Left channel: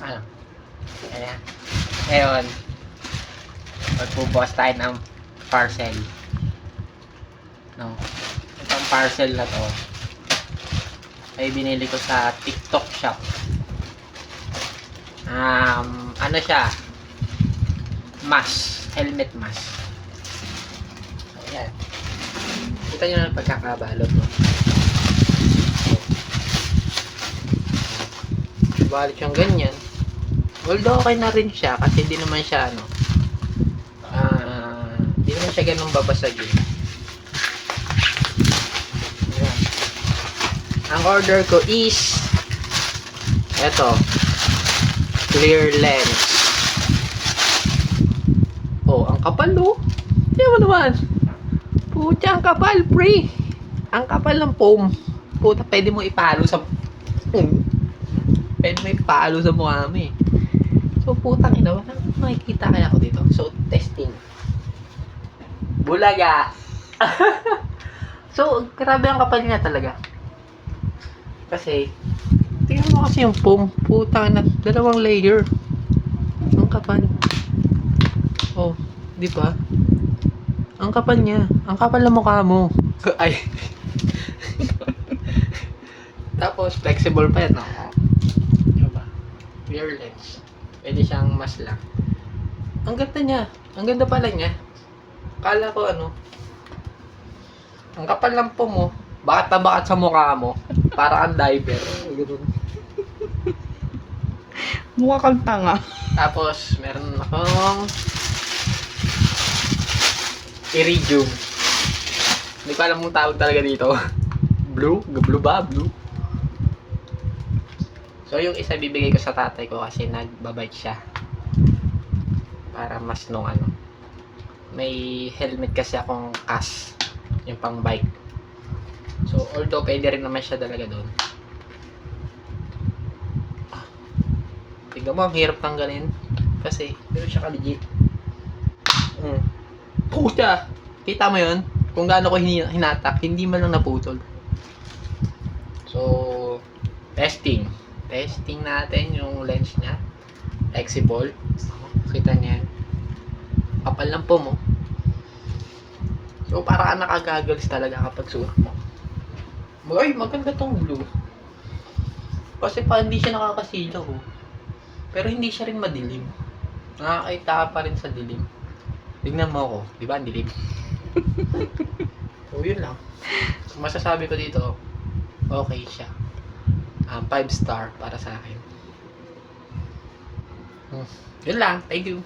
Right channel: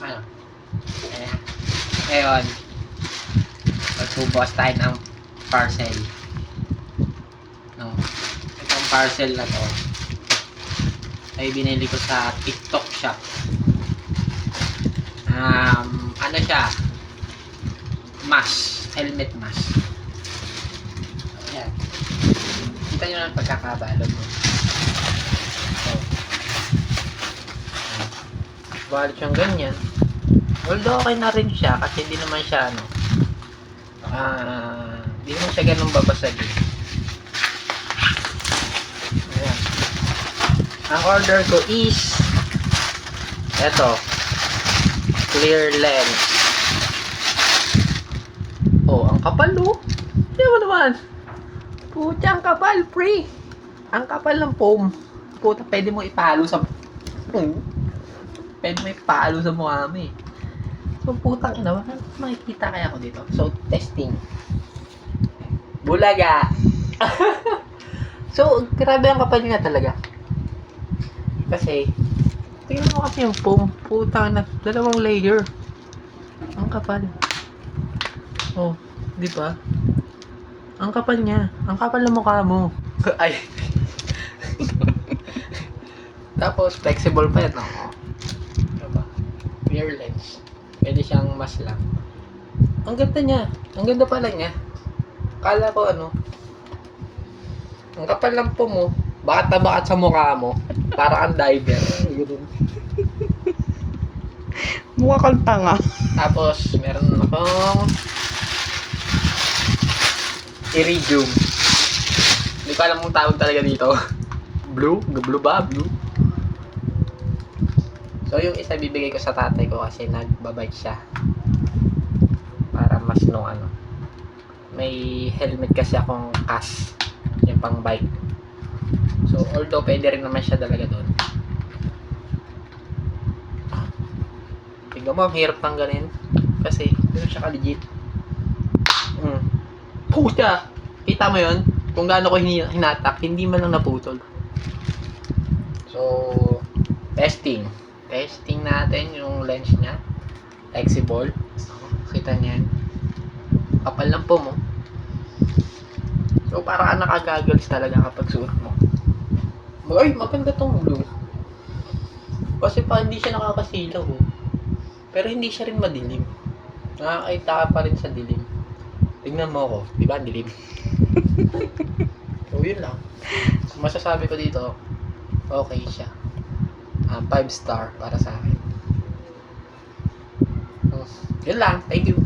Ano? Ayan. Ngayon, magbubukas tayo ng parcel. No? Itong parcel na to ay binili ko sa TikTok shop. Ano siya? Mask. Helmet mask. Ayan. Kita nyo na pagkakabalot mo. Wallet siyang ganyan. Although okay na rin siya kasi hindi naman siya hindi naman siya ganun babasagin. Ayan. Ang order ko is eto, clear lens. Oh, ang kapal no? Tingnan mo naman. Pucha, ang kapal, pre. Ang kapal ng foam. Puta, pwede mo ipalo sa pwede mo ipalo sa mukha mo eh. So, putang ina, makikita kaya ako dito. So, testing. Bulaga. So, grabe ang kapal niya talaga. Kasi, tingnan mo kasi yung foam. Putang ina, dalawang layer. Ang kapal. Oh, di ba? Ang kapal niya. Ang kapal ng mukha mo. Ay. Tapos, flexible pa yan. Diba? Clear lens. Pwede siyang mas lang. Ang ganda niya. Ang ganda pala niya. Kala ko ang kapal ng po mo, bakat na bakat sa mukha mo. Para ang diver. Mukha kang tanga. Tapos, meron akong iridium. Hindi ko alam kung tawag talaga dito. Blue? Blue ba? Blue? So, yung isa bibigay ko sa tatay ko kasi nagbabike siya. Para mas may helmet kasi akong CAS. Yung pang bike. So, although pwede rin naman siya talaga doon. Tingnan mo, ang hirap tanggalin. Kasi, hindi siya ka-legit. Puta! Kita mo yun? Kung gaano ko hinatak, hindi man lang naputol. So, testing. Testing natin yung lens niya. Flexible. Kita niya yan. Kapal lang po mo. So, para ka nakagaggles talaga kapag suot mo. Ay, maganda tong blue. Kasi pa hindi siya nakakasilaw. Pero hindi siya rin madilim. Nakakita ka pa rin sa dilim. Tignan mo ako. Di ba ang dilim? So, yun lang. Masasabi ko dito, okay siya. 5 star para sa akin. Yun lang. Thank you.